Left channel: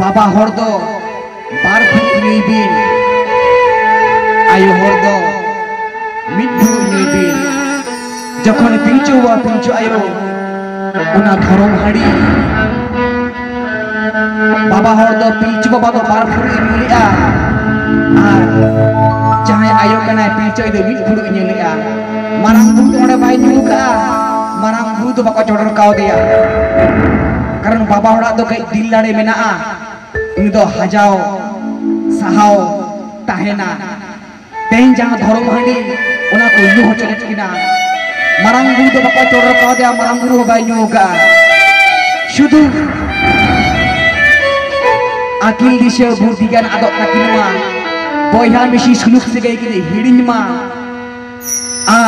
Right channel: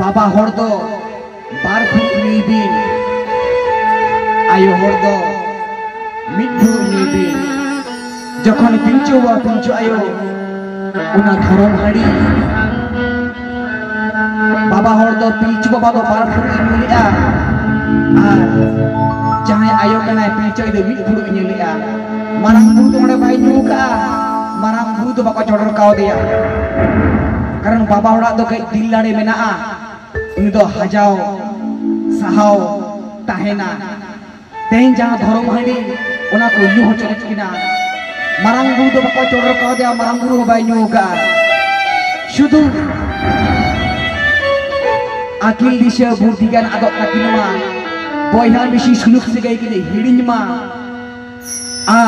बाबा हर दो बार फुट नी बिन आयो हर दो मिट फुट नी बिन जखन पिंचो आयो उना धरम हाड़ी बाबा हर दो पिंचो बाबा दो बार फुट नीलिया आर जहां आयो कना पिंचो दो मिट फुट नीलिया मारांग बुरु ओंडे बाय नुका मारांग बुरु दो बाको चोडर काव दिया कारण बाबा हड़ा दो कई दिल लाड़े मेना इन दो हजाओ सहाओ ताहेना तेन जहां धरम हाड़ी उना को नु होचले किना मारांग बुरु दो बाको चोडर काव दिया मारांग बुरु बाय नुका शुधु आकिल दिशा बुद्धिगान आदब नाकिनवा बयहा मिसी सुलुक सेगाय किने हिडिनमा आ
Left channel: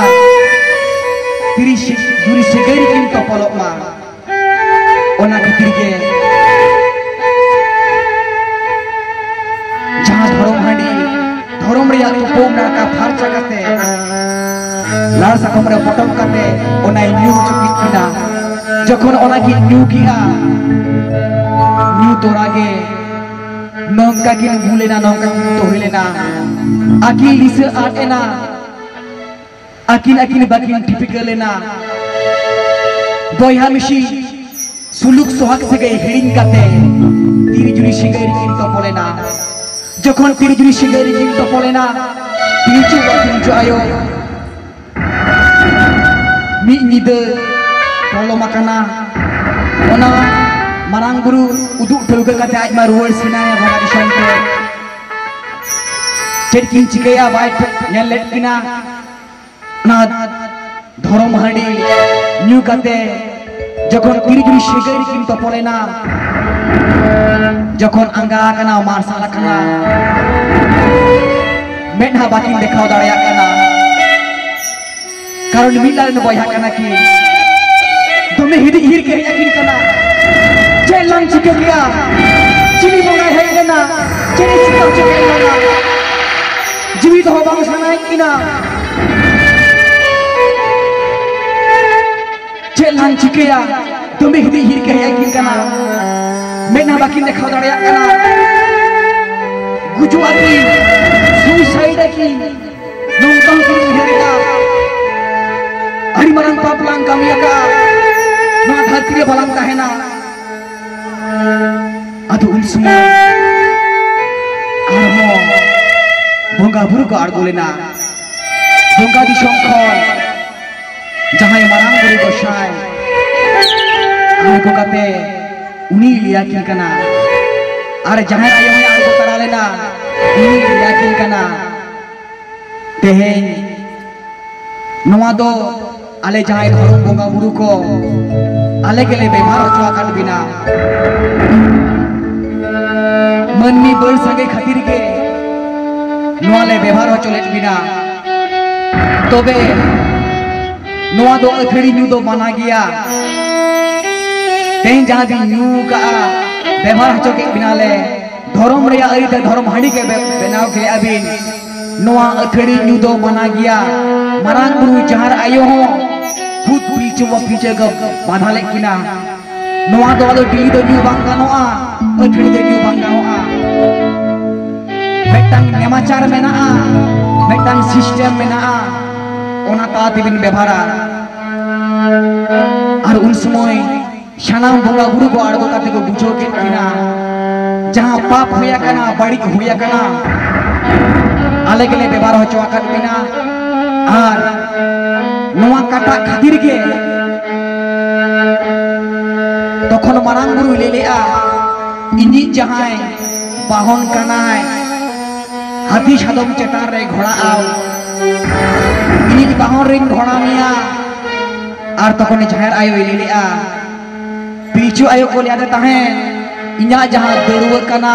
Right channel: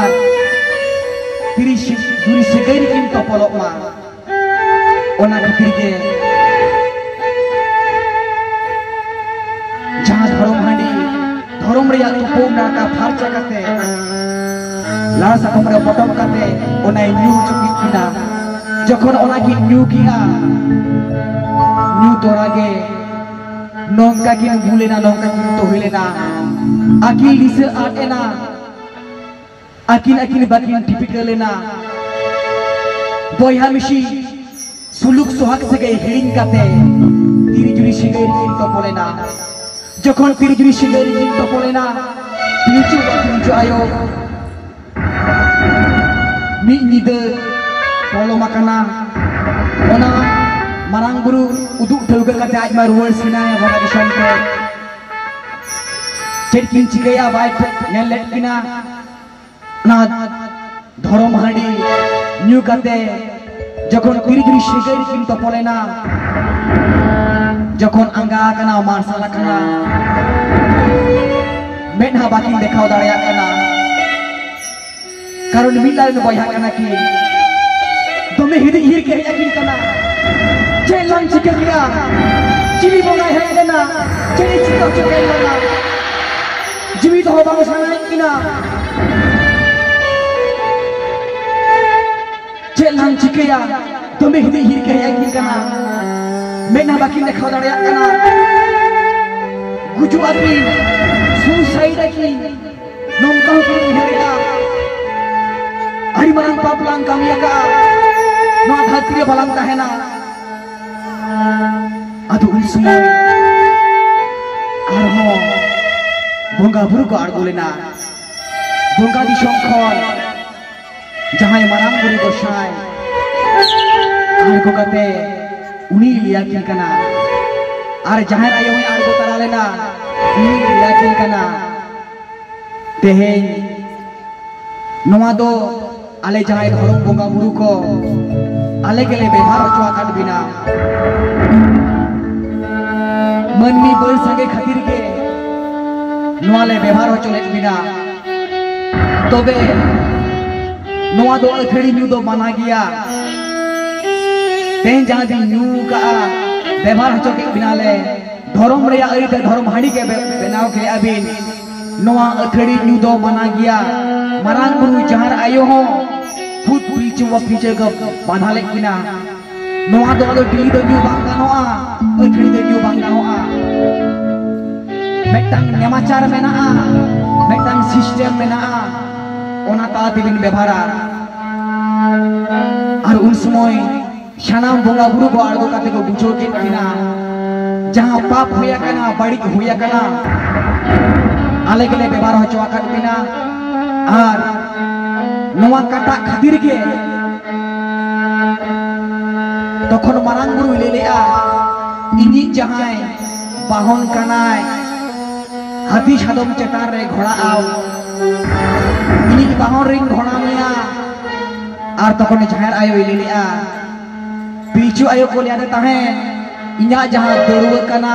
तिरिस जुरी सेगाय किन तपलमा ओना खातिर के जहां धरम हांडी धरम रे उपयोग नाका फारचा काते लाड़ साकम रे पटम काते ओना न्यू चुकी किना जखन ओना की न्यू किया न्यू तोरागे नौका किन भूलेना नौका किन तो हिलेना आकिल दिसे आटेना आकिन बाकिन टिपिकलेना बयहा मिसी सुलुक सोहाग से गए हिडिंग काते तिरिजुरी सिगारी किन तो पोलेना जखन तिरिजुरी सिगारी किन तो पोलेना पिंचो आयो मी निदे पolo makana ओना मारांग बुरु उदुक ठेवगे काते आज मा रुवार सिनाय भगा दिसम को चेड किन चिकया बाय नेल लेट किना ना धरम हांडी न्यू काते जखन तिरिजुरी सिगारी किन तो पोलेना जखन आंगा काना मारसाल काना मेडहा बाकिन देखाव दाड़ाया काना कारण मिलान बयहा काना कि तुमने हिडी हिर के याकिन काना जेलन चिके गया चिनी बोंगा है काना चिनी चिका चिके काना जीवित हो बांग सनाय किना जेलन चिकेया तुमने हिडी हिर के याकिन काना मेना बाकिन देखाव दाड़ाया काना गुजुआ की सुसाइड की नोंका की हिरेगा हरि मरंग पापलांग कामिया का नोआ धरती बालांग ताहेना आदो उन समय आरमो बोंगा बुरु को आड़गोलेना बोंगा दिसम खन जहां मारांग बुरु को शाय आड़गो काते उनी लिया किन कना आर जहां आयो ने आड़गो तरा लेना उनी लिया किन कना तेहेन नोआ दो आले जहां धरम बोंगा बुरु को आले गेले बेभार चुआ काट बिना मननी बड़ संगे खातिर के नोआले बेभार चलेट बिना तबे नोआ दो अखड़ी न्यू दो बना गया तेन जहां भी न्यू का बेभार चके बिनाले धरम रे आरी ते धरम हाड़ी के बनाव के अबिन नोआ अखड़ी न्यू दो बना गया मारांग बुरु जहार आयो हो खुद पीछे ग बाधा ले किना नोआ दो आलो डिली दो न्यू बांग गानोआ अखड़ी दो न्यू बांग गानोआ मेटांग नेमाचार मेना मेटांग सिस्टम मेना ओना ता तिबिन बेभारा आर उन समय सानाम बोंगा बुरु को आड़गो काते को बुझो के किना जहां पाप होया कना बाड़ी होया कना आले गेले बेभार होचवा का किना आर नोआ काटा खातिर के तखन मारांग बुरु लेलेआ इनि जहां बाहन कनाय हाथी सादम चटार रे घोड़ा आव इनि बाहन रिंग घोड़ा मिया आर तखन जहार आयो लेलेआ पिचु आयो को लिया ताहे इन्या जहां दरुवा कना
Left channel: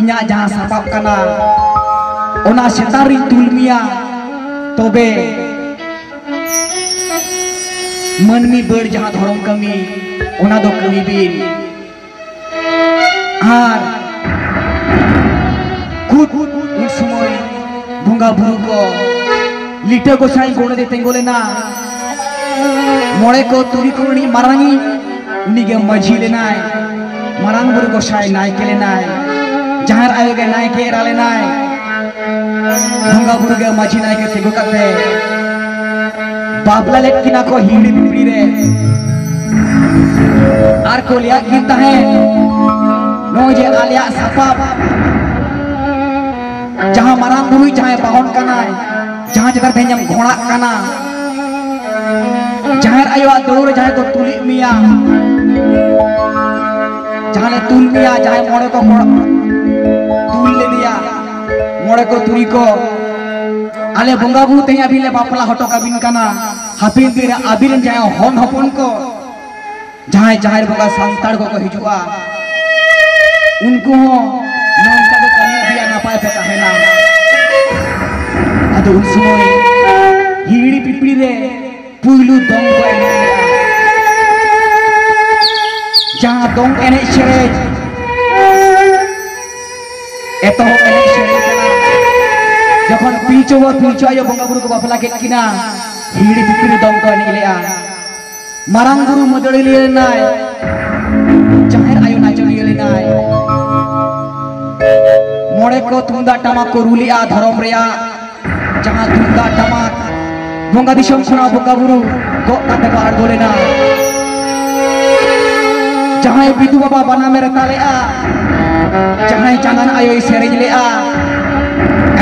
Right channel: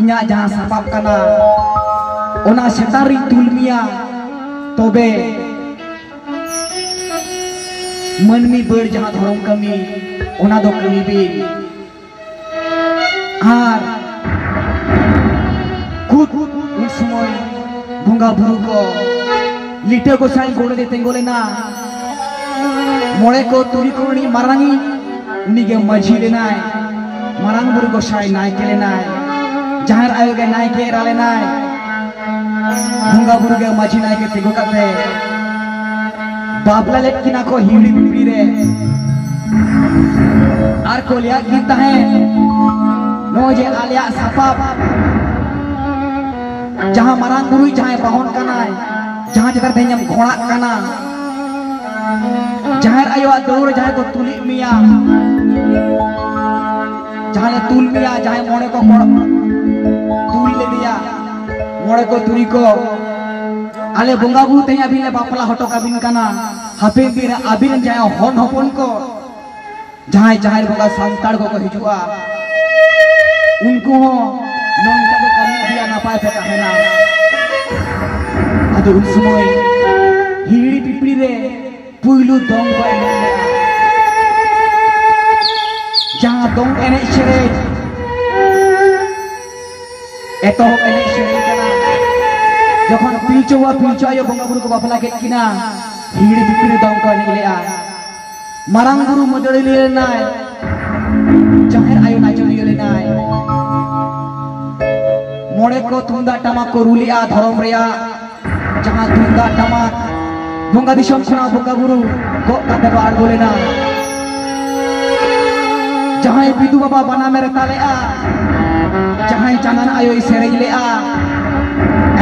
इन्या जहां सपाप कना ओना सेतारी तुलमिया तबे मनमी बड़ जहां धरम कमी ओना दो कमी बिन आर खुद उन समय भुंगा बुरु को लिटे को साई गोड़े दे तेंगोलेना मोड़े को तुरी को मारांगी उन्हीं के माझी लेना है marang buru gosai naik ke lenai jahar ayo ke naik ke rale naik bongga buru ke maji naik ke tigo kate babla lek kina ko hiri pipri re ar ko lihat kita hai no je alia sapap जहाँ marang buru जहाँ bahon kanai जहाँ जगह benyam घोड़ा kana जहाँ ayo दौड़ जहाँ तो तुली मिया जहाँ तुल मिया जहाँ मोड़े को तुल ले लिया मोड़े को तुली को आले बोंगा बू ते अभी ले बापला हटो कबिन kana हापे बिना अबिन जहाँ हन हपन को जहाँ जहाँ बोंगा संतार को हिजुआ उनको नौका को कमी दिया ना पाए पता है ना अदो उन समय हिड़ी पिपड़ी रे पुइलू दोंग को एने जहाँ दोंग एने शरे एतो एने शरे कना जखन पीछो आयो बोंगा बुरु को बापला के किना हिड़ी पिपड़ी दोंग को एने लेआ marang buru model ले नाय जहाँ आयो नाचो ले नाय मोड़े को तुंदा टमा को रुलिया धर्म रिया जहाँ तुंदा टमा बोंगा दिशम सुना बोंगा बुरु को कते बार बोले ना जहाँ बिदु बाबा बना मेरे ताले आ जहाँ चांदन आयो सेरेज ले आ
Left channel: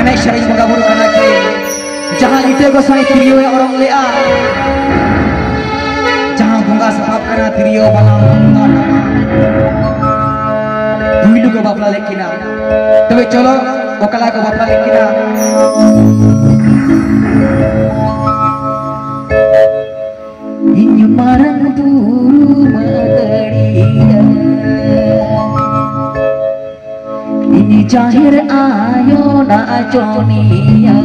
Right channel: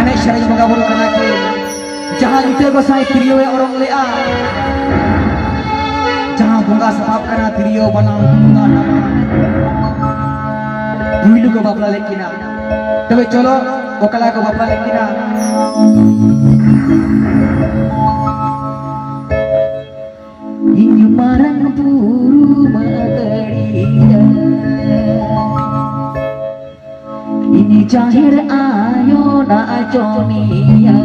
अने सेरेज बोंगा बुरु कना के जहाँ इते को साई तिरियो में औरंग ले आ जहाँ बोंगा सपाप कना तिरियो बना तुंदा टमा बुइलु को बापला लेकिना तबे चलो ओकला को बापला लेकिना इन marang buru madariya ini jahir ayo na joniya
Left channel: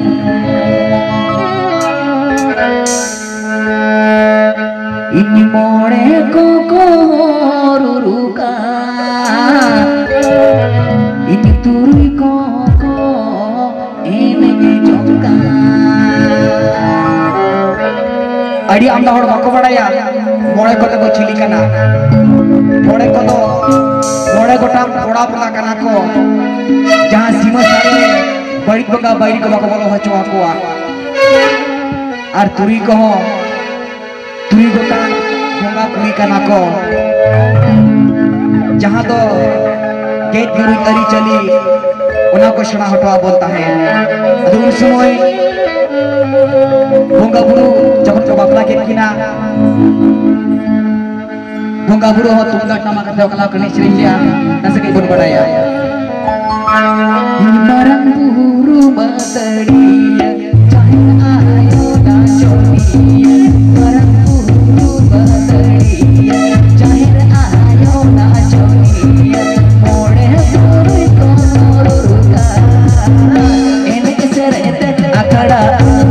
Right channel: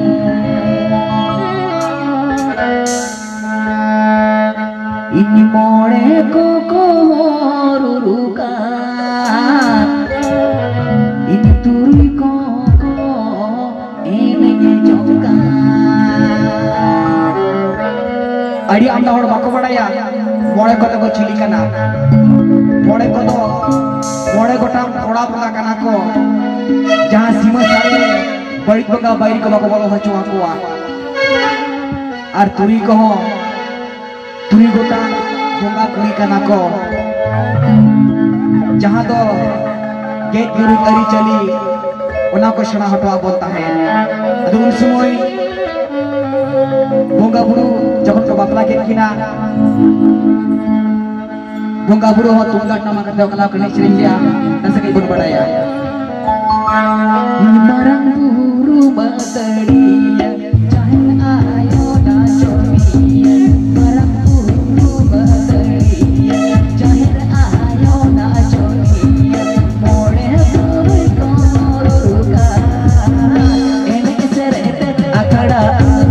ini more ko ruruka ini turui ko ene jongka adi anda hor bako badaya मोड़े को तो चिली कना मोड़े को तो मोड़े को टाम थोड़ा पुला कना को जहाँ सीमा सारे बड़ी बंगा बड़ी को बको बको हचवा को आर तुरी को टाम बंगा कुली कना को जहाँ तो गेट गुरु तरी चली उन्हें को शना हटवा बोलता है दूर समय बंगा बुरु जब तो बापला के किना बोंगा बुरु हो तुंगा टमा कते ओकला कने श्रीलिया नसे के गुण बड़ाया marang buru madariya jahir ayo na joniya marang buru madariya jahir ayo na joniya more buru ko ruruka ene serete akada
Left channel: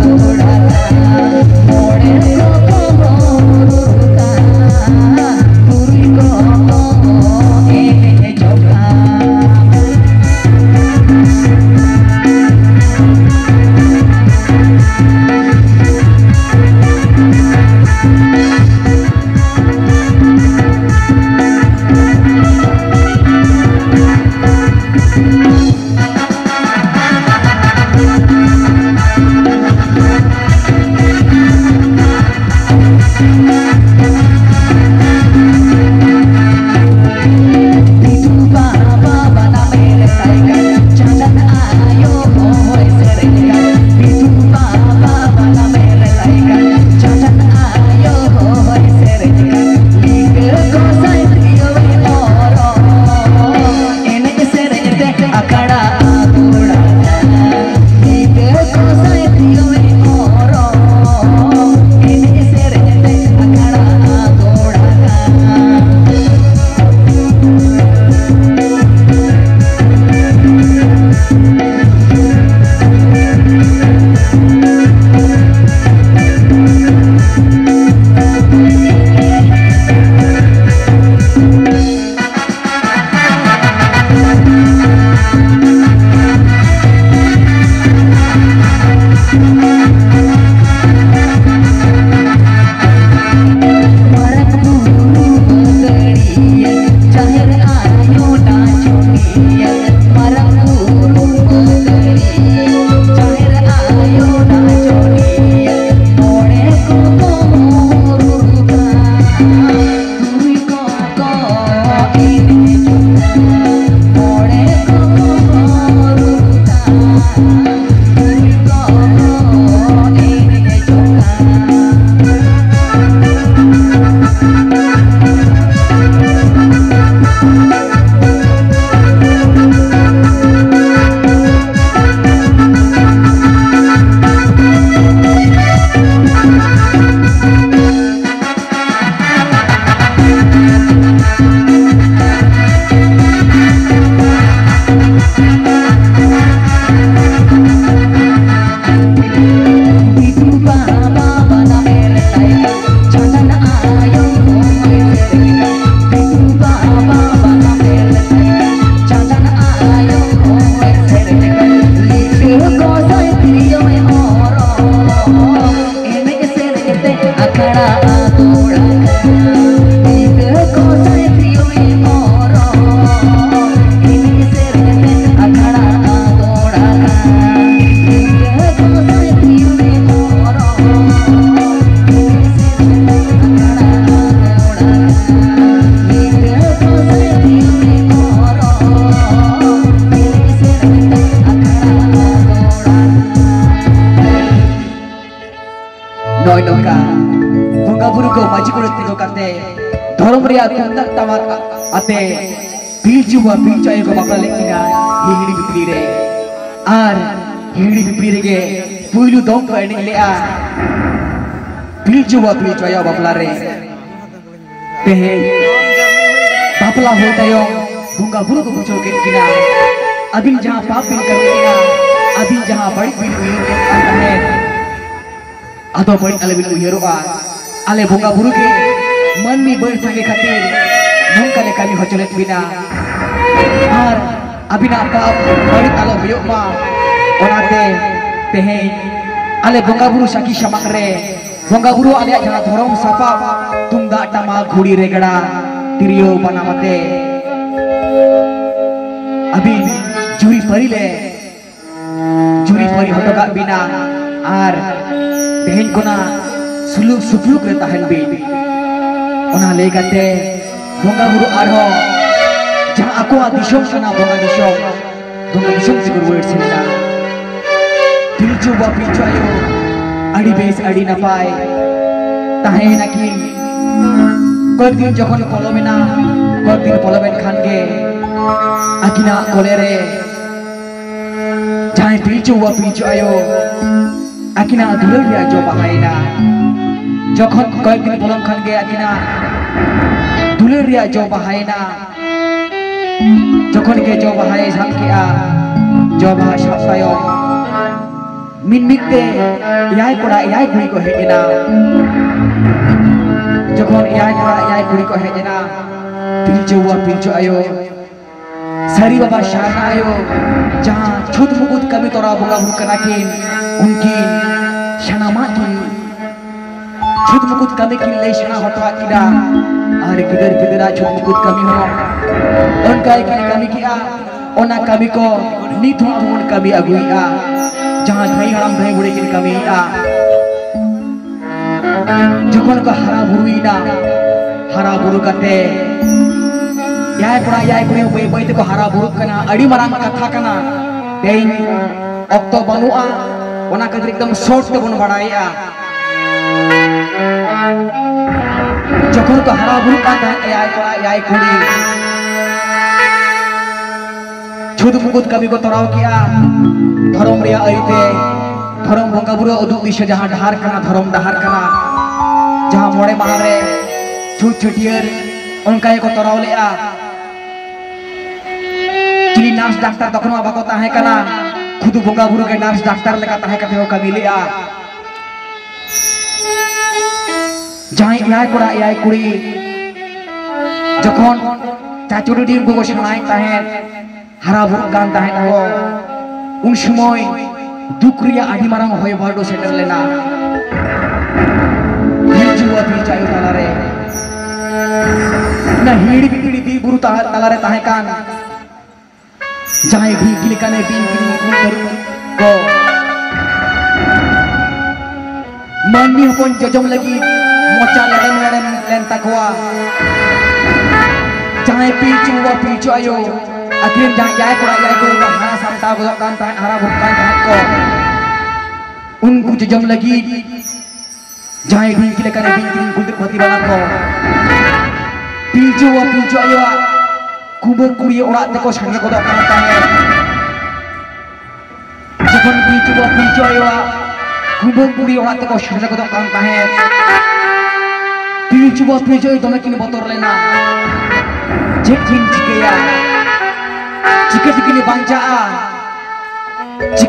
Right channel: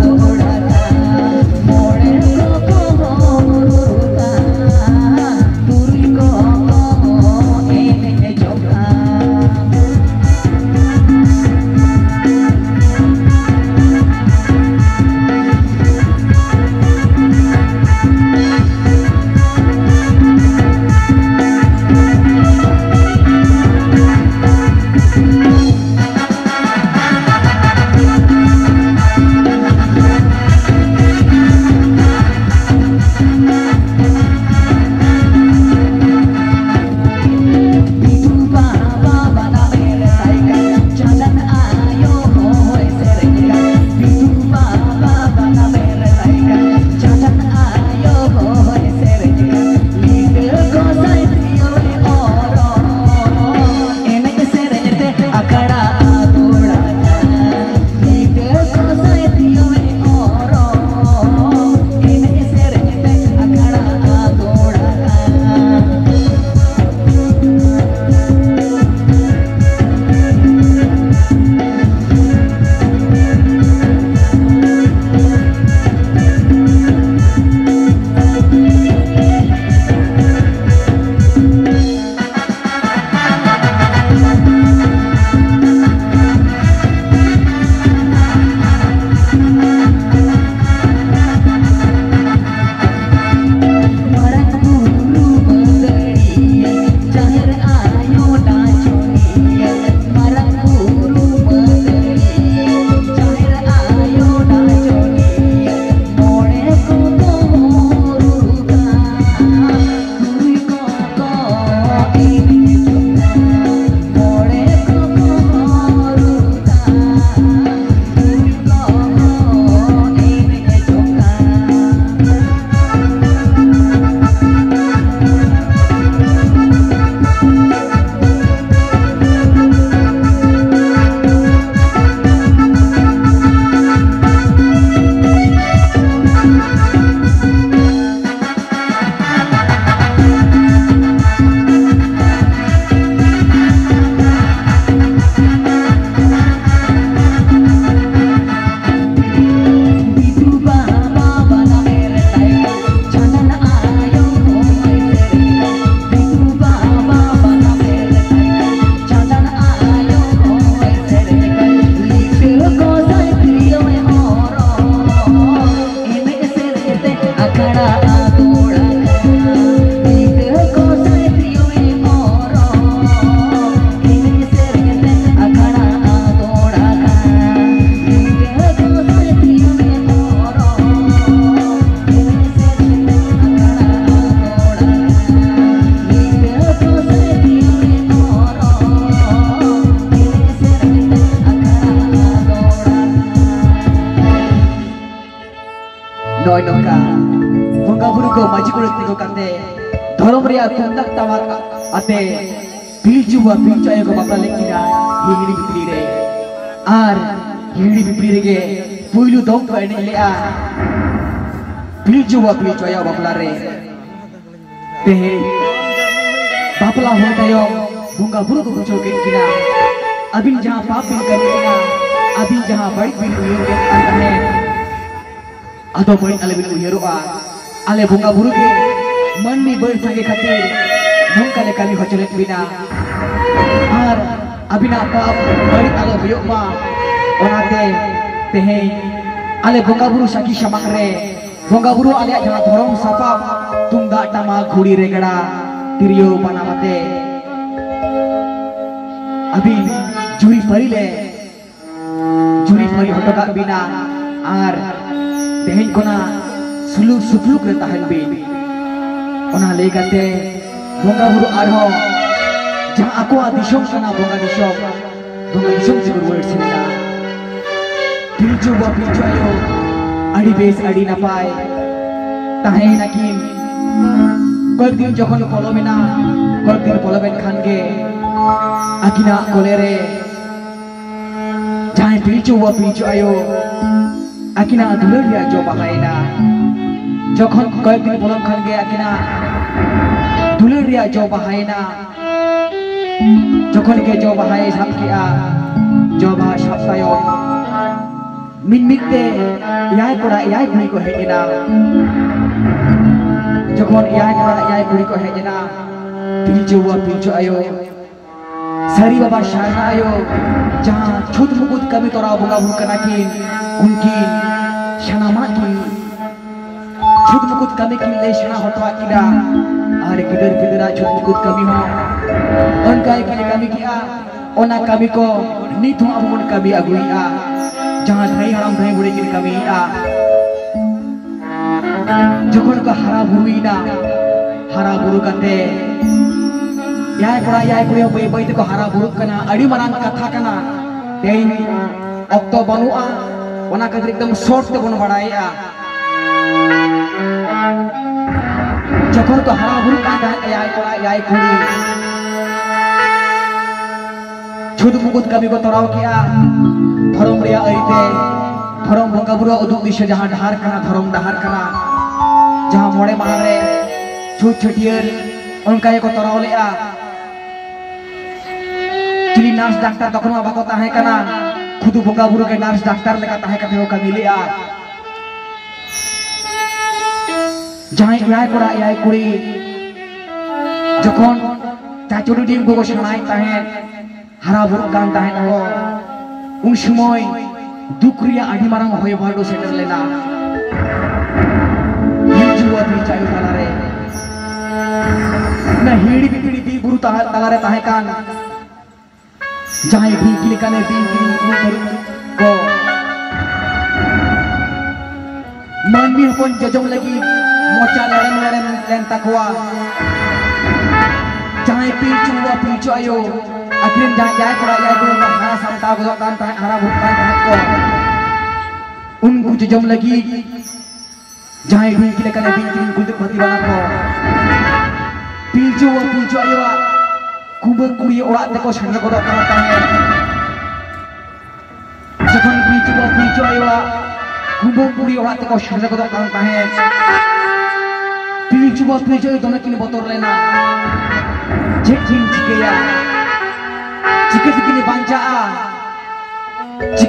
toda more ko ruruka ria tundak tawar ate pilju ayo ko bapla lekina hingri bipri re ar hingri bipri rege puilu dong ko eni lea pilju ayo bapla re tehe bapla ho tayo bunga buru ko bujo ke kina abin jahan paap bin kar kina abin jahan baik bin uyur ke antane atau baik ale bin uyuroa ale bunga buru ke मन में बड़ सके खातिर नौका ले कमी हो चले बिना और अबिना पाप बड़ी आलो बियो मा ओनाते तेहे आले बोंगा बुरु साकी समक रे बोंगा बुरु आले जहां धरम सापा तुंदा टमा घुड़ी रेगड़ा तिरियो बनावते अभी जुरी परी हटका बिना और तेहेन कोना सुलुक सुफलुक रे ताहन बि ona legate bonga buru arho jang aku adishom kana bonga dishom sigur word sinda pilju ayo adi bes adi napai tahe nakin kodin jokhon kolomena kodin poloben khan ge akina kolere jai pilju ayo akina dulur dia jo bahaina jokhon kodin polom khan ge akina दुलर रिया जो बहायना जखन के जो बहाय झामकिया जो बहा शास्तायो मिनमिते याय कोड़ा याय कुड़ी को हेजना जखन याय कोड़ा याय कुड़ी को हेजना पिलचो आयो सारी बाबा शाना आयो जहां छुत मुकुत कमी तोरा बोगा बुकना किन उनकी शनामा की छुत मुकुत कमी की ले शना होतवा किदा और किधर छुट मुकुत कमी हो उनका कमी किया ओना कमी को नीतु अमुन कमी अगुइया जहां भाई हम भाई बुढ़े की कमी आ जखन को हरा बुरु कते याय पुरा बै को हरा बुरु कना अड़ी मरांग कथा कना तेन ऑक्टो बनुआ ओना कदर एकदम शॉर्ट ते बन बड़ाया जखन को हरा बुरु का याय कुड़ी छुद मुकुत कमी को तोराव किया धर्म रिया अइते धर्म बंगा बुरु उदुग दिशा जहां डहार कना धर्म डहार कना जहां मोड़े मारे छुट छटियर उनका को तोराव लेआ चिली नर्स डॉक्टर तखन बाको ताहे कना खुद बंगा बुरु के नर्स डॉक्टर लेका ताहे कते हो कमी लेआ जहां याय कुड़ी जखन चाचुड़ी दिन को सनाय ताहे हरा बुरु कान ताहे को उन समय दुख रिया आदि मारांग होय बाडो सेटर लेना हिजुआ दी चायो तालारे ना हिड़ी बिकड़ी दी गुरु तालारे ताहे कान जहां भी किलकाने भी को मानवी हपन जजम लगी मोचा लेन तकवा जहां पिलचु आयो आखिर जहां याय को हरा सांता बदो कान ताहे हरा भुकान ताहे को उनको जजम लगी जहां भी किलकाने भी कुल पति बना को पिलचु आयो कुबो कुड़ी ओड़ा तको संगे बदो कान ताहे जखन पिलचु आयो कुबो कुड़ी ओड़ा तको संगे बदो कान ताहे पिलचु दमे किन बतर लेना जे थिन चिकेया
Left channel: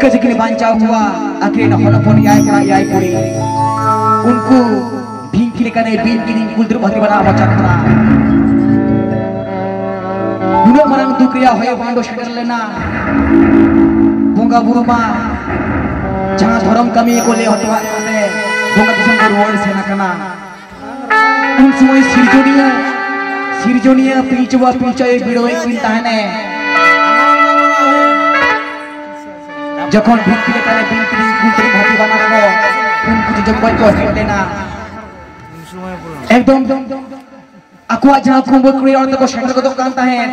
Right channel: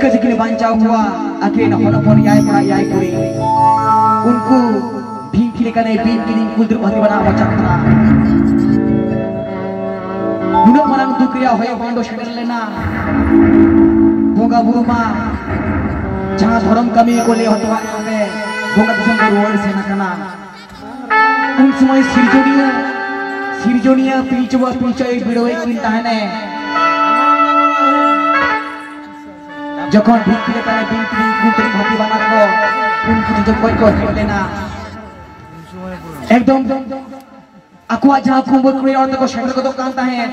चिके बांचा हुआ आखिर हरपन याय कुड़ी उनको भिंकी लेकाने बिन कुलद्र भरी बना बचा करा उन मारांग दुख रिया होय बांडो सेटर लेना बोंगा बुरु मा जहां धर्म कमी को ले हटवा कते बोंगा दिसम रोड सेना कना उन समय सिरजोनिया पिलचुआ बिड़ोए किन ताहने जखन भिंकी लेकाने बिन कुलद्र भरी बना को उनको जब को हेट लेना एकदम akuak jang kumbul kuri orang teko shender ko kan tahen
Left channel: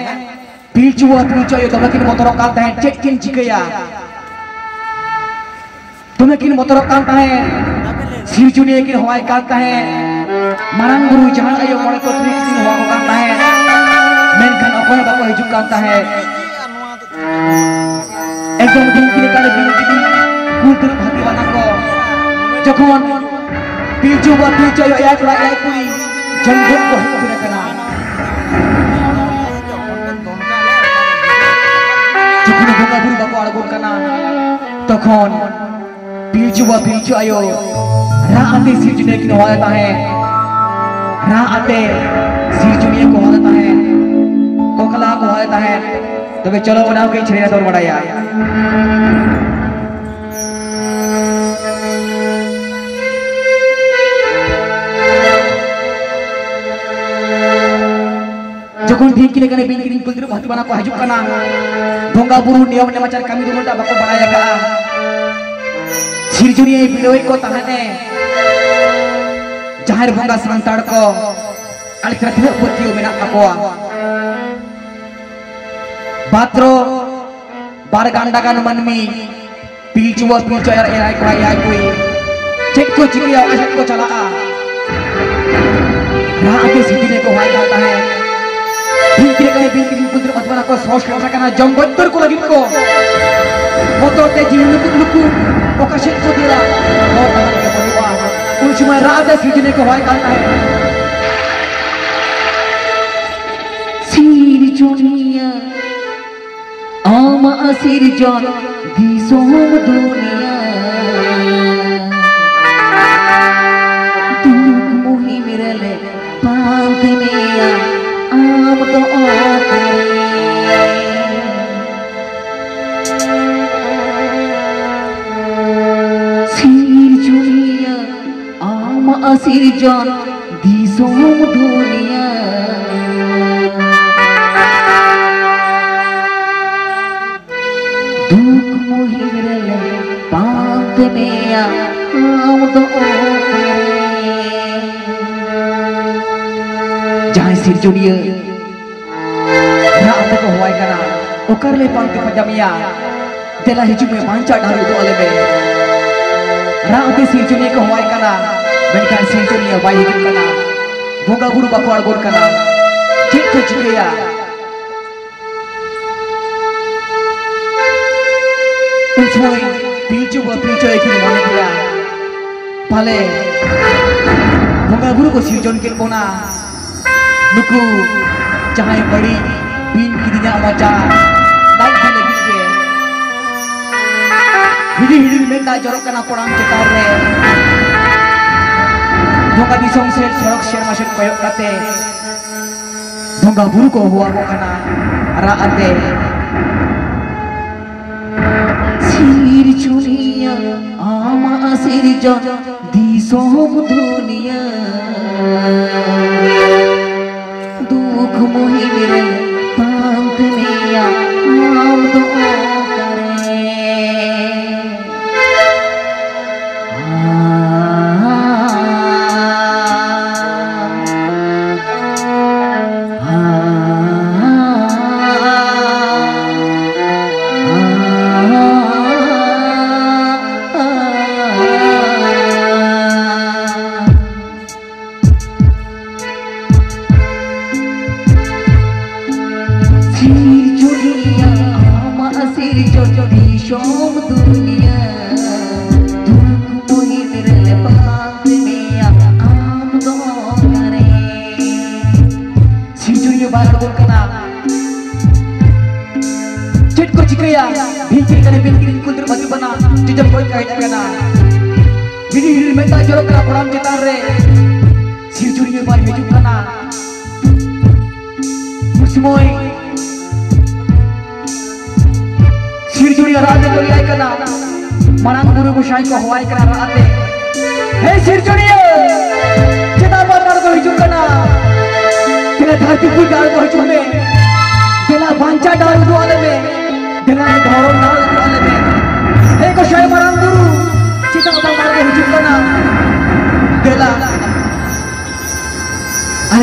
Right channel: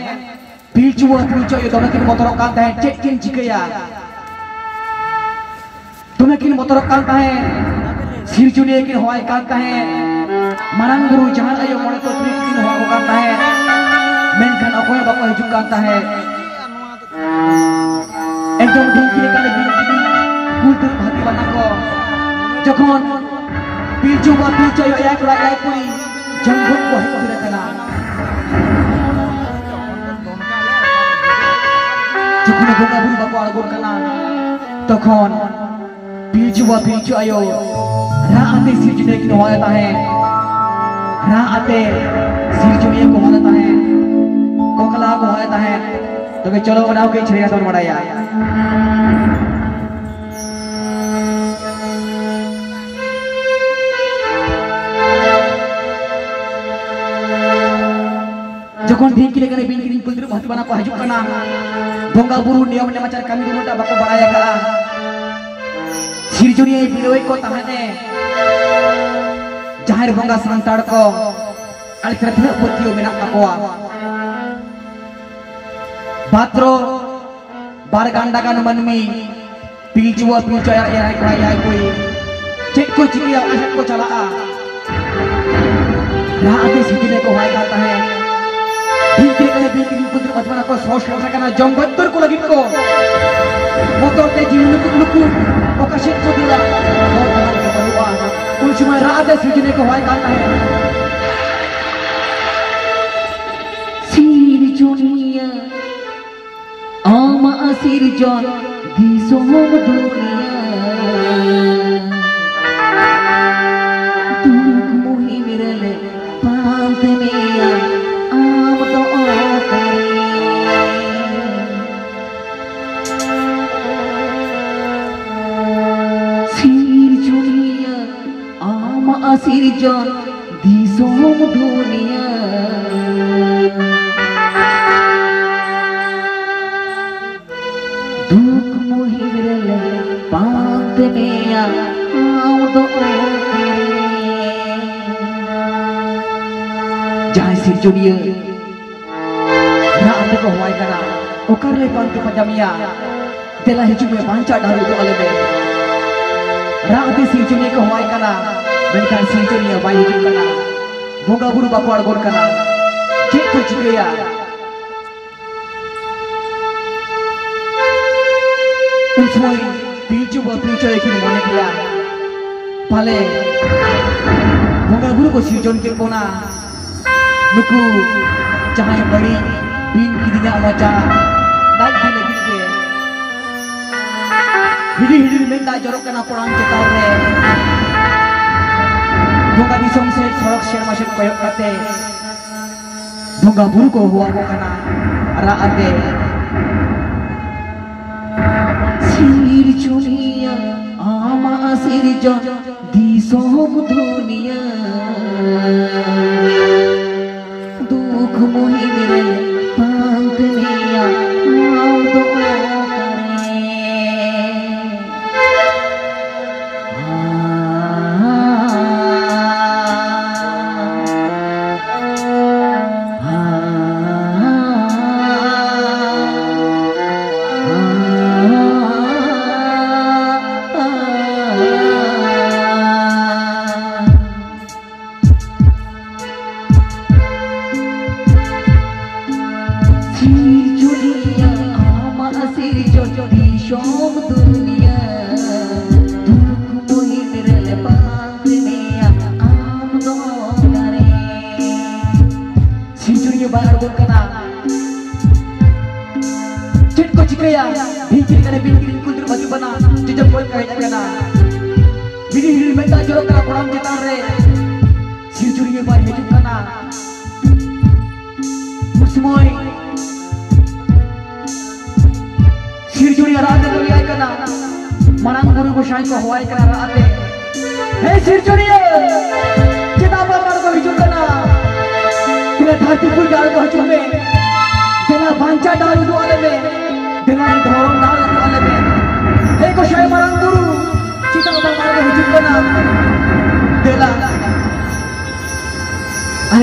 pilchu yo dome kin motor kan tahen cek kin jikaya dome kin motor kan tahen sirjuni kin hoai kan tahen marang guru jangan ayo orang ko kin hoai kan हिजुक Kanta है एकदम ढेंकी लेकर बिंकी कुल भाती बना को जखन पिलचु बा पिलचु या कोड़ा या कोई जंगल को हिजुक रखना जखन बोंगा बुरु बाको आड़गो कना तखन पिलचु बा पिलचु आयो राते सिरजुनिया की होता है राते सिरजुनिया को होता है कोकला को होता है तो चलो बनाओ के छेड़ा दौड़ बढ़ाया जखन ढेंकी लेकर बिंकी कुल भाती बना को हिजुक कना बोंगा बुरु नियम ने मचार कमी दोनों बाको बढ़ाया का सिरजुनिया बिलोई को तहने जहार बोंगा सांताड़ को अलकरथिया पतियो मेना काकोआ बात्रो बार गांडा का मनमी पिलचुआ पिलचुआ यार कोई यार कोई चेक को चिकिया अशक को चला रात के सिरजुनिया को हाय खाता है बिंकी करे बिंकी कुद्र मतबना को सोच लोटा करना जंगत्तर को लगिन को मोटर के जीवन को लुकु ओकशित को दिया कुछ समय रात के सिरजुनिया को हाय खाता है सिरजुनिया आमा सिरजन दिसोम दुनिया दुख मोहि मिरले पांत में आम तो सिरजुनिया आमा सिरजन दिसोम दुनिया दुख मोहिरले पाप में आम तो जहाँ सिरजुनिया रात को हुआ करा ओकर ले पांच पजामिया तेला हिजू में पांचा डालू तो अलग है रात सिरजुनिया को हुआ करा बेनकान सिरजुनिया वाई हिजू करा बोंगा बुरु बाको आड़गोर करा चेक को चिकिया उसमें पिलचु एक ही मने किया पाले बोंगा बुरु को सिरजन के कोना नुकु जहाँ बड़ी बीन की दिया मचा लाइट भी लगी के हिडी हिडी मेंदा जरो कना पड़ांग चेतार रे बोंगा दिसोम से सड़क शेर माशेर प्रयोग करते बोंगा बुरु को हुआ को कना राते सिरजुनिया आमा सिरजन दिसोम दुनिया दुख मोहि मिले पांत में आम तो करे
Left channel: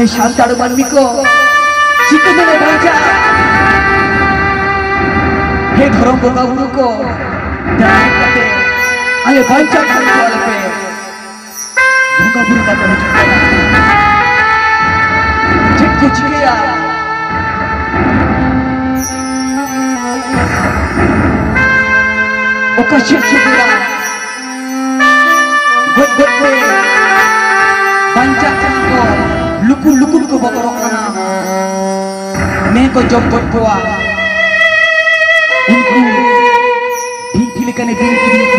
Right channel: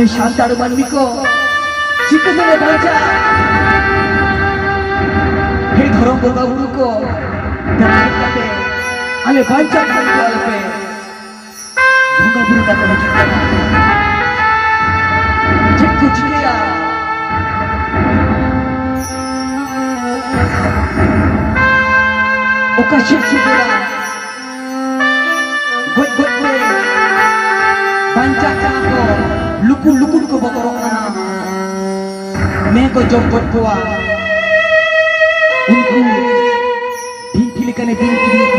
शांताड़ मनमी को चिकन में बांचा हे धर्म बोंगा बुरु को ध्यान करते अरे बांचा डाल दो पे बोंगा बुरु का पहुंच गया चिक कुछ किया oka syukur buat me banyak ko luku ko botorok kana me ko jom buat ko unku bingkili kane bingkili ko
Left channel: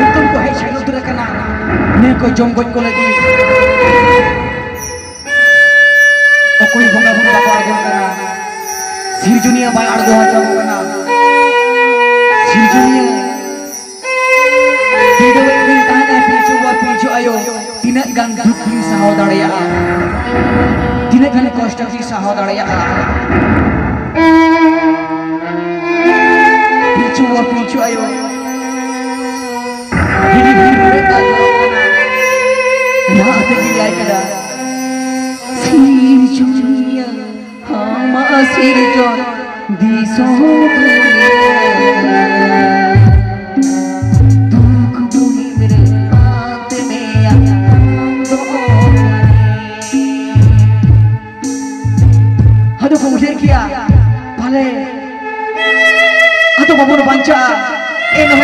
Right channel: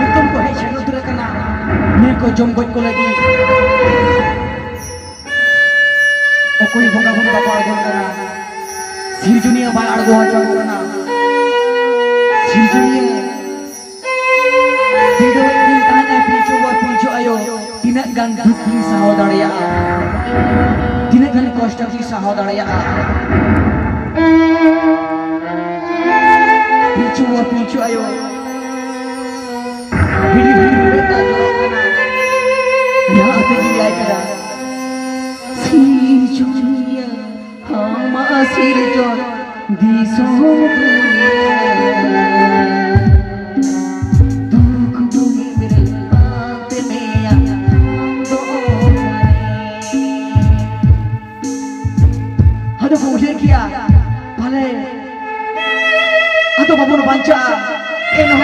ekam ko hai syukur kana me ko jom buat ko lagi okoi bonga bonga pargon kana sirjunia ba argo hajam kana sirjunia hidup ini tanya picu ayo tidak gan duki sahodaya tidak gan kosta ki sahodaya picu ayo hidup mereka ya tadi ada sirjunia hama sirjon di sodunia atau babon panca enoh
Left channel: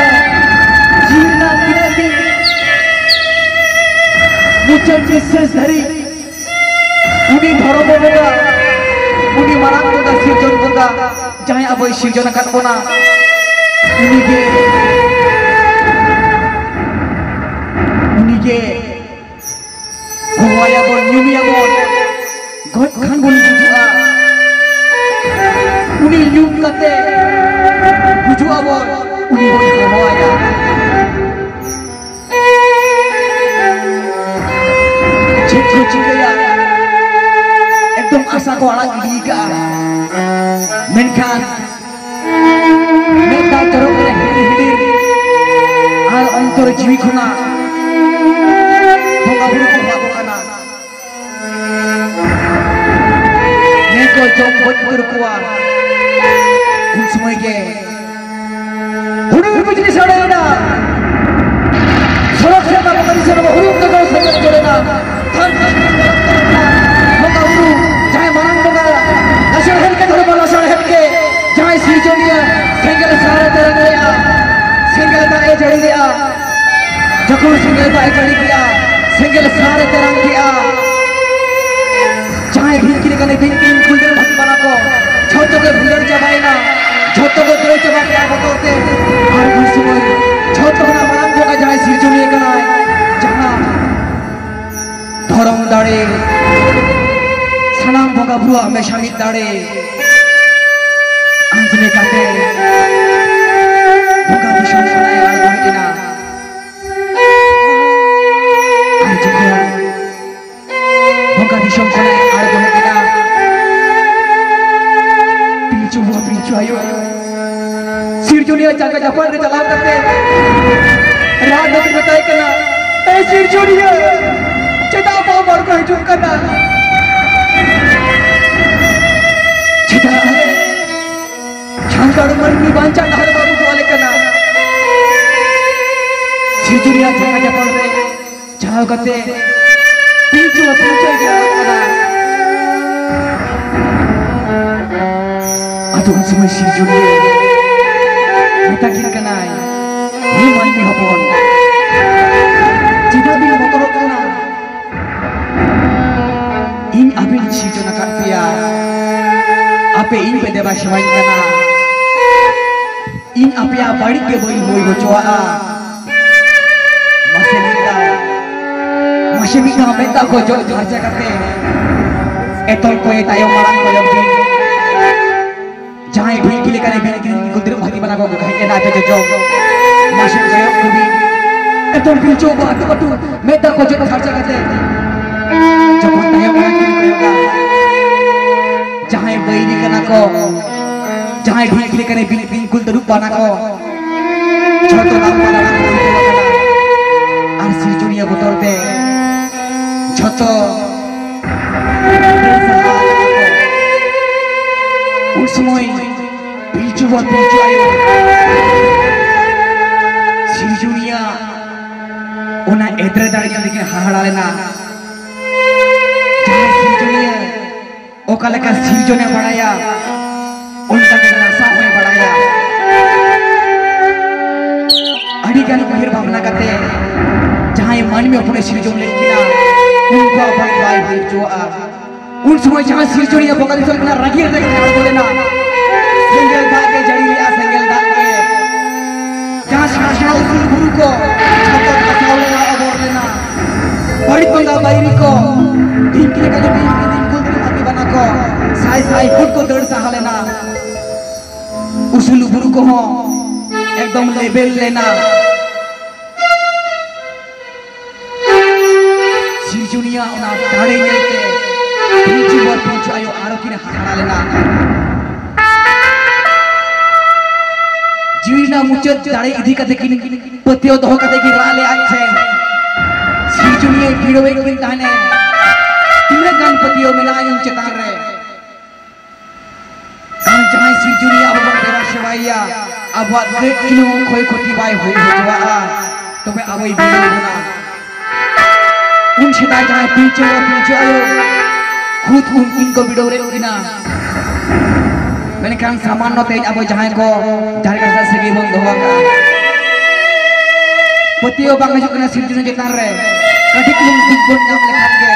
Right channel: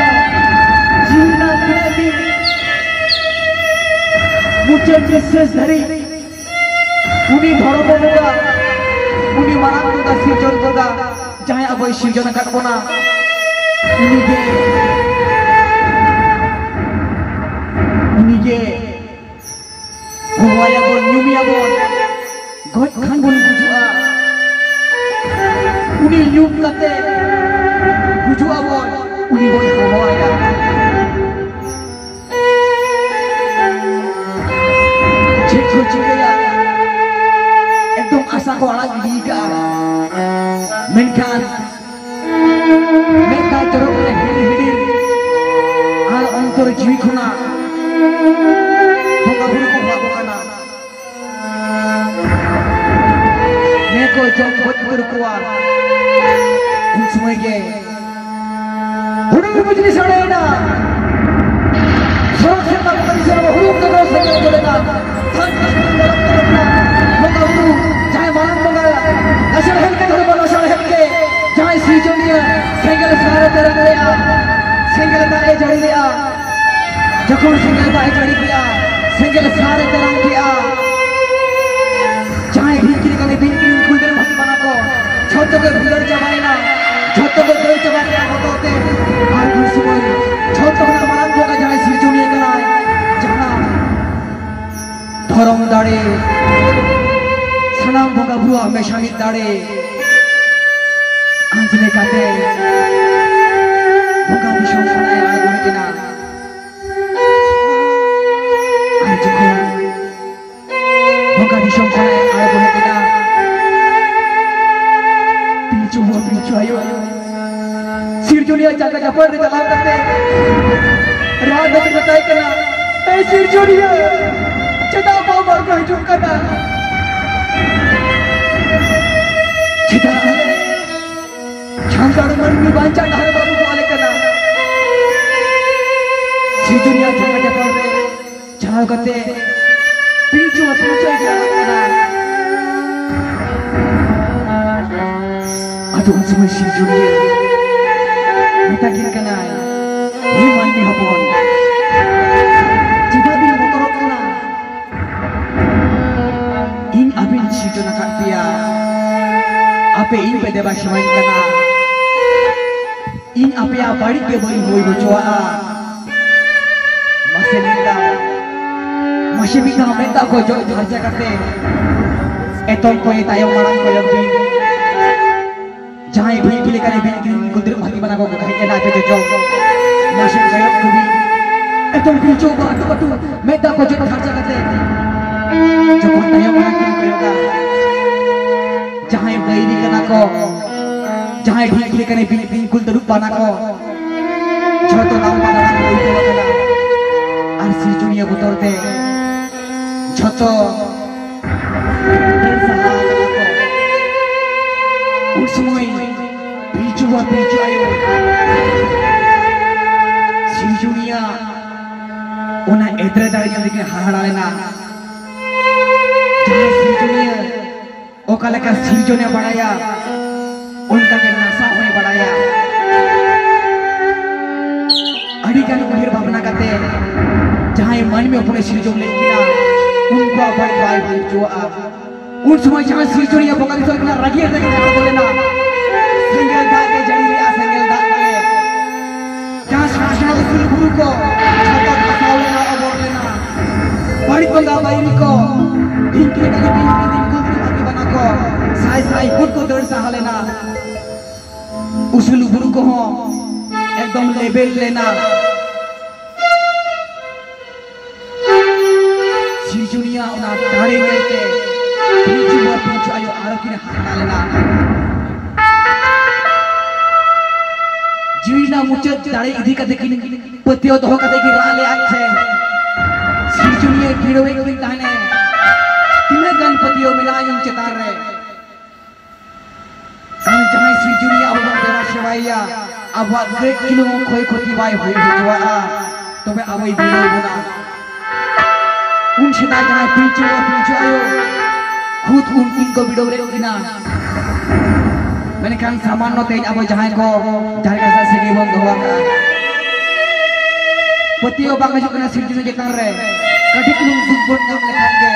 jina kinati nichel বিশ্বাস dari uni dhoro boga uni marang boga sirjon boga jahay aboy sirjon akat bona uni ge hoya bon nyumia bon god khan bon jujua uni nyum kate bujua bon uni bon hoya ekdom asa ko alag diga menkan menkan terok na hidir ar antar jiwi khona boga buru ko bago kana neko jom bot bur kuwa un samay ge hudur bujni sare na sorok se ta bari se na hudur ka se na jole na than boga buru jay marang boga nasal hel ke dhor bola sare hel ke jay sirjonia single sare terang leya single ta e jari leya जखन single bye चढ़ी गया single सारे तरंग किया चाहे भिंकिल कने भिंकिल कुलदर भक्त बना को छोटो के भुलर जमाइना छोटो को कोई जमा क्या बताते और घुसुए छोटो ना मनाम को जाए सिरजुनी कना जहां धरम दाड़े सनाम भोगा भुआ हमेशा मिट दाड़े अंजलि काटे भोगा भूषण सुनाए आए गुरुजिना boga disong sana ay boleh kita pincu ayo sirjunia jaga japar di dalam kate raat nak betai kena sirjunia cita apa mar ko hidup kana cita changar manni banca har babu wale kana sirjunia jaga japar jauh kate pincu aja aduh semua sirjunia kita kira ini mandi hapon jika bil motor kana in abin sirjona katia ape in pede bashawan kana in ape abadi ke boi hoi bocoa masih bisa minta ko jo aja kate etol ko tayo marang ko yobi jai bhi kile kane bhi kundir bhati bana ko gai na aja jo masih kayo kubi etol bhi jo batu minta ko jo aja kate jokon tayo marang ko yoga jai bhi ni kana ko jai bhi kile kane bhi kundir bana ko choto nam bana ko ar sirjunia botorte छोटो उस समय pincu ayo sirjunia ona edra dari yang bikin hahara lena jangan sirjunia okala ka sirjunia badaya unta ke nasa hoye badaya मानवी अपने सिरजोन लेकिन उनको by by हुई जो उन समय जहाँ सिरजोनिया बगल से अपना रगी रख कर बोले ना सिंगल दाग के जड़ी लिया सिंगल दाग के जहाँ शासन उन गुरु को छात्र बसाव लेना और लेना बड़ी बंगा बाई को दिन के कल दिन कुंदरी माटी बना को साई साई खुद को दर्द सहा लेना उसूल गुरु को हो एकदम लेबल लेना सिरजुनिया उना दारे लेके पीछे आयो आरोकी ने हारा लेना जीवना मुचत दारे इधी कते किन पतियो दो कते की राले आछे सिरजुनिया गिड़ो एक दिन ताने तीन गणपतियों मिलायुं चतार रे कान जहां सिरजुनिया अब देवा सेवाइया अब देख किलो खोई खोती बाय होई होजवा तबे अबई बिलो होना उन छिदा जहां पीछे आयो खुद उनकिन को बिडो रे उगिना मैंने कान सामान्य तेज अब जहां को जारे का सगी बम दोवा का पतियो बांग जो कना सिरजुनिया चतार रे कटी किलो दुख बन नाम लेखान के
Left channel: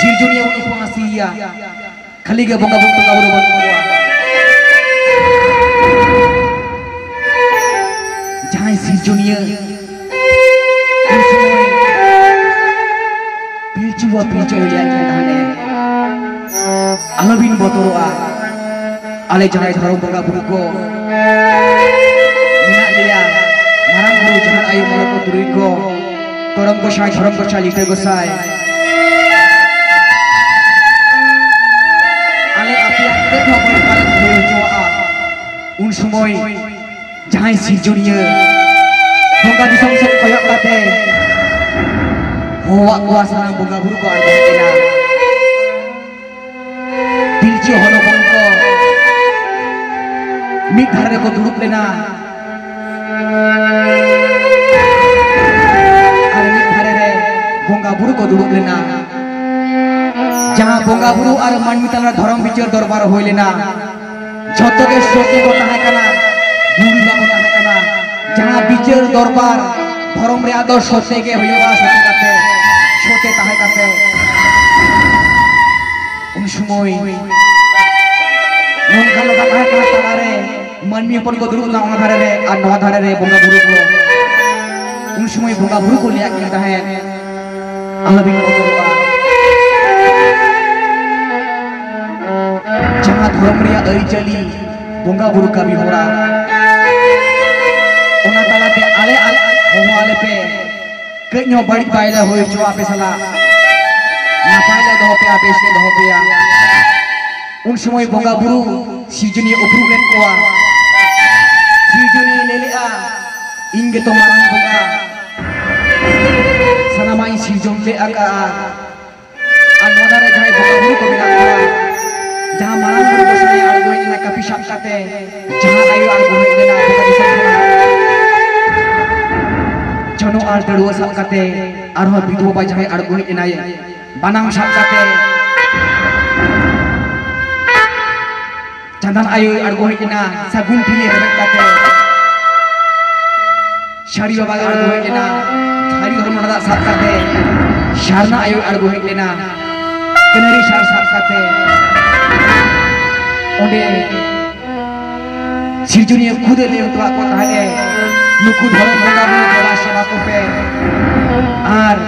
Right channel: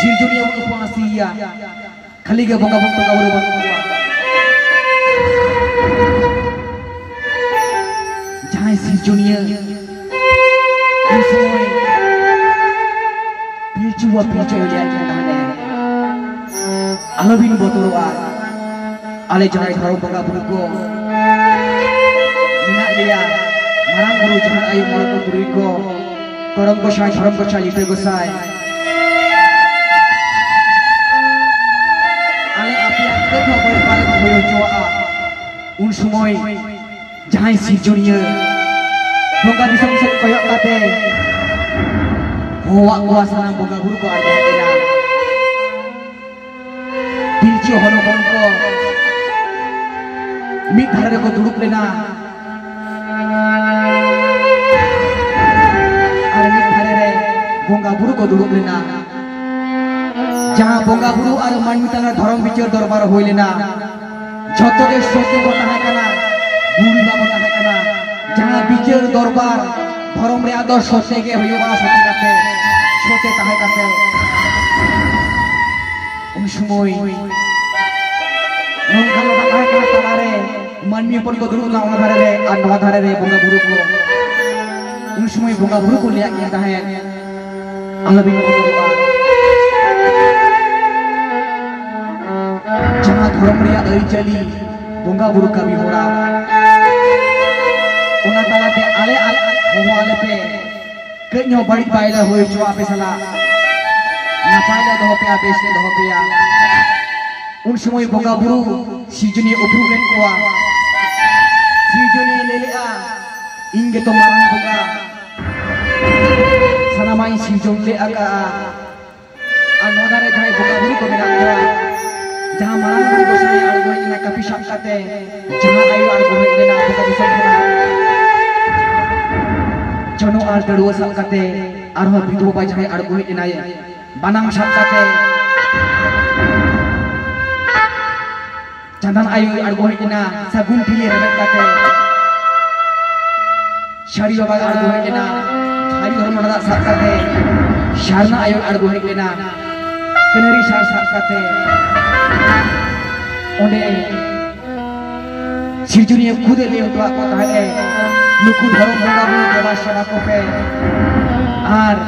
सिरजुनिया उन उपवासिया खाली के बोंगा बोंगा का बोलो बंदुआ जहां सिरजुनिया उसमें पिलचुआ पिलचु लिया के alobin botoroa ale jangai tharo boga buru ko mina dia marang buru jangan ayu mulo ko buru ko korong ko sai thorong ko chali te gosai ale apia te ko bari pare hoyo joa un sumoy jangai sirjunia boga disam set koyok kate hoa kuasa boga buru ko arba kena पिलचु होनो बंको मिट धारे को दुरुप लेना अरे मिट धारे रे बोंगा बुरु को दुरुप लेना जहाँ बोंगा बुरु और मन मिताला धर्म बिचार दरबार होई लेना झोतो के सोते को ताहे कना बुरी बाबा ताहे कना जहाँ बिचार दरबार धर्म रे आदर सोते के होइबा सोते काते सोते ताहे काते उन समय नोंखालो बाहाय का तालारे मानवी अपन को दुरुक ना धारे रे आ नवा धारे रे बोंगा बुरु को उन समय बोंगा बुरु को लिया के ताहे अलबिन बतरुआ जहां धर्म रे आई चली बोंगा बुरु का भी होला ओना तालाते आले हो आले पे कन्यो बड़ी बायला होय जो आपे सला ना पाइले दो पे आपे से दो पे उन समय बोंगा बुरु सिरजुनिया उपरुलेन कोआ सिरजुनिया लेलेआ इंगे तो मारang बोंगा सनामाई सिरजुन ले आका आनोदारे जाय बोंगा बुरु को मेना कोआ जहां मारang बुरु को सही आड़गो इना कपि साप काते जहां आयु आड़गो इना बोंगा दिसन जनो आर दड़ुआ साप काते आरो बिधवा बाय जाय आड़गो इना बानाम साप काते jangan ayu argo hekina sagun pili rebek kate shari baba argo hekina hari hormon da sat kate sharna ayu argo hekina kenari shar sat kate onde sirjunia khude le to ko tahale nuku dharom bonga bu dewa seva ko pe ar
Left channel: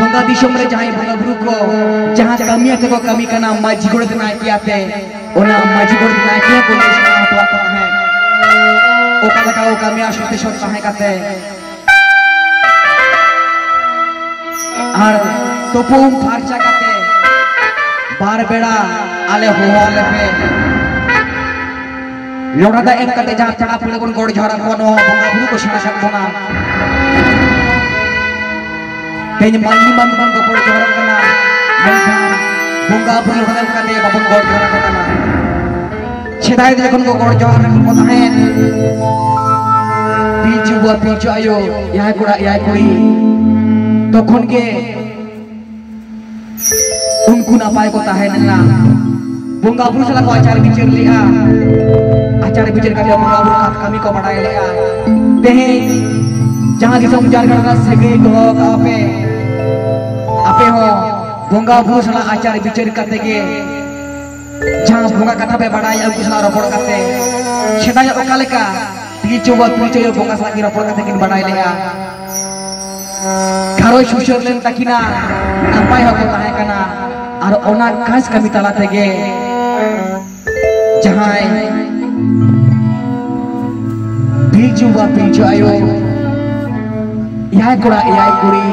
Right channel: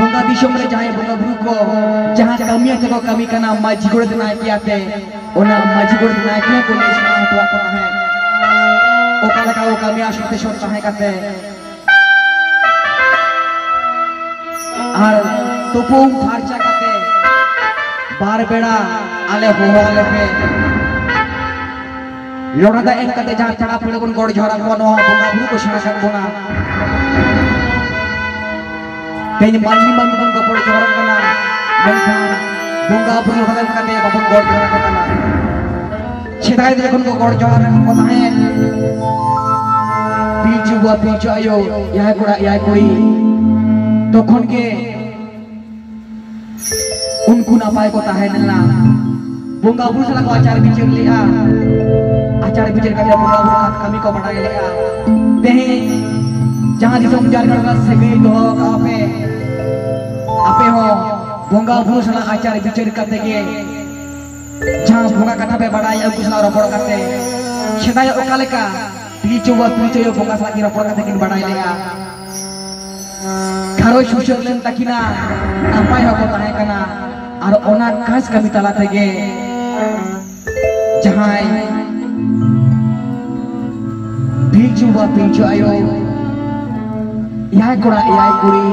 बोंगा दिशों में जहाँ बोंगा बुरु को जहाँ कमियाँ थे को कमी का नाम माजी गोड़ दिनाए किया थे ओना माजी गोड़ दिनाए किया को नहीं सकता तो आता है ओ कल का ओ कमियाँ सोते सोते है करते आर तो पूम फार्चा करते बार बेड़ा आले हो आले पे लोड़ा दा एक करते जहाँ चढ़ा पड़े बन गोड़ झोरा को नो बोंगा बुरु को शना शक बोना तेज मानवी मान बन को पड़े जोरन कना मेनखान बोंगा बुरु हदे कते बाबन गोड़ जोरन कना छेदाय दे को गोड़ जोरन को थाए पीछू हुआ पीछू आयो यह कोड़ा यह कोई तो खुन के उनको ना पाए को ताहे नला बोंगा बुरु सला को आचार बिचार लिया आचार विचार कर बंगा बुरु कमी को बढ़ाई लेगा तेहे जहाँ दिसम जारगढ़ सेगे दो आपे हो बंगा बुरु सला आचार विचार करते के जहाँ बंगा कथा पे बढ़ाई उनको सला रोपड़ करते सेदाय ओकाले का पीछे बंगा सला की रोपड़ करते किन बढ़ाई लेगा घरों सुशर लेन तकिना नपाय हो ताहे कना और ओना काज कमी तला तेगे जहाँ पिलचु आयो याय कोड़ा याय कुड़ी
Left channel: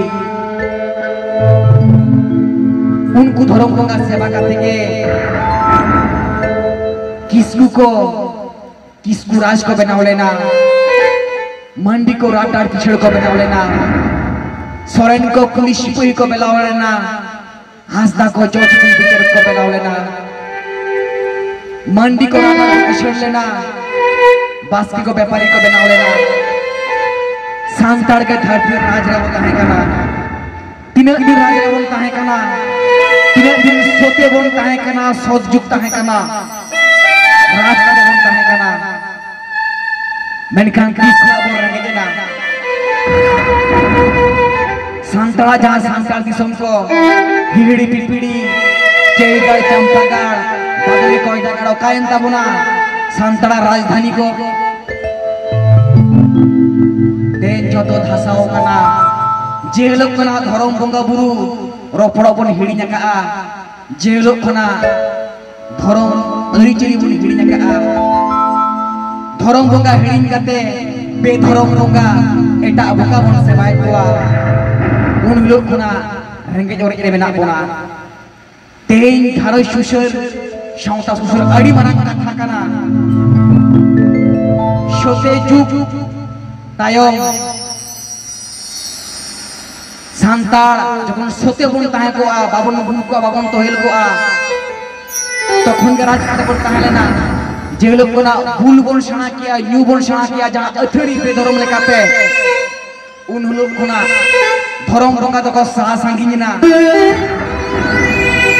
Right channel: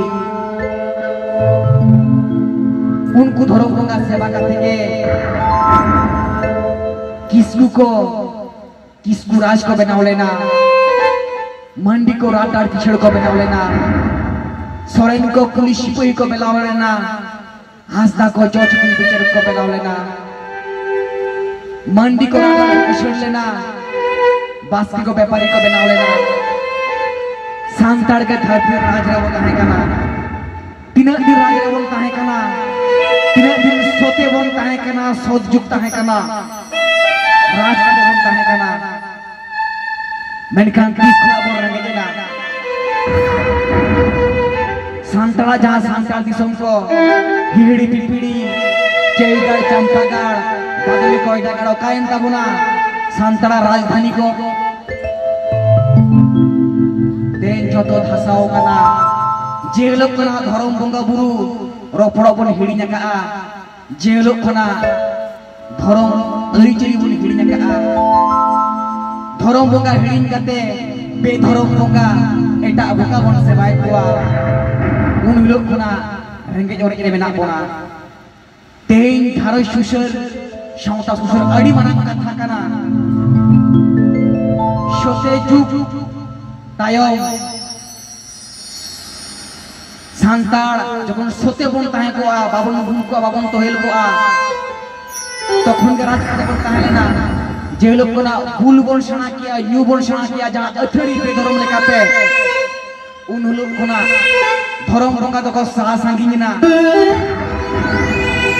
उनको धर्म बंगा सेवा करते के किसकू राज को बनाव लेना मंडी को रात रात पिछड़ को बनाव लेना सोरेन को कुलिशिपुई को बनाव लेना हासदा को चौचकी पिछड़ को बनाव लेना मंडी को रात रात पिछड़ लेना बास्की को व्यापारी को बनाव लेना सांतार के धरती राजरा वो कहे कना तीन दिन राजरा वो कहे कना तीन दिन सोते वो कहे कना सोच जुक्ता है कना राज का वो कहे कना मैंने किस को बोल रहे हैं ना सांताला जहाँ सांताल दिसम को हिड़ी पिपीड़ी चेईगढ़ चंपागढ़ बदली कोयडागढ़ कायम ताबुना सांताला राजधानी को देन जोतो धासाओ कना जेलोक कना धरम बंगा बुरु रोपड़ो बन हिड़ी नका जेलोक कना धरम अरिचरी बन हिड़ी नका धरम बंगा हिड़ी करते बेधरम बंगा एटा बंगा बन सेवाय कोआ उन लोग कना रेंगे जोरे रे मेना कोना तेन धारो सुसर सावता सुसर अड़ी मारang कथा कना सोते जुग तायम सांताल जखन सोते बन ताहे को बाबन बुन को बाबन तोहेल को तखन के राज काटे बन ताहे लेना जे लोग कोना भूल बन सना किया यू बन सना किया जहां अथड़ी पे धर्म लेकाते उन लोग कोना धर्म बंगा तो को सहा सांगिन ना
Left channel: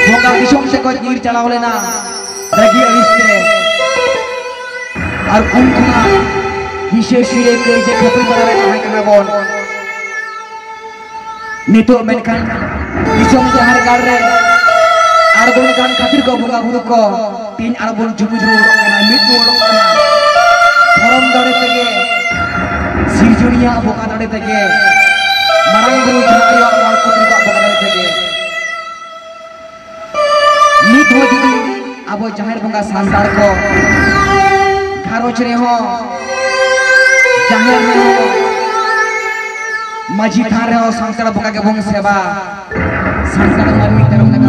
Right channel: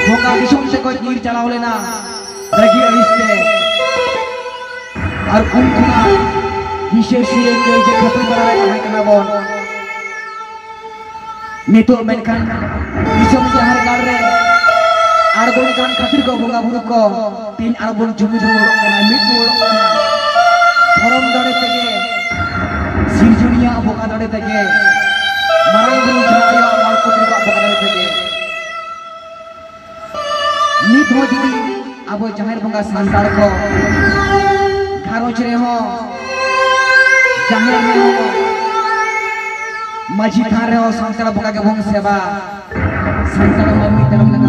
बंगा दिसम से को गिर चलाव लेना रगी अरिस्ते और उन कोना हिसे सिरे के जे खपी बरावे ताहे कना बोन नितो मेनखान दिसम के हर कार रे आर बोन कान खातिर को बंगा बुरु को तीन आर बोन जुमी जुमी उड़क कना मिट उड़क कना धर्म दड़े तेगे सिरजुरिया बंगा दड़े तेगे मारांग बुरु जनाया मालपुत्री को बंगा दड़े तेगे नित हो जुदी अब जहर बंगा सांताल को घारोच रे हो जहर रे हो माझी थान रे हो सांताल बंगा के बंग सेवा सांताल मम्मी धर्म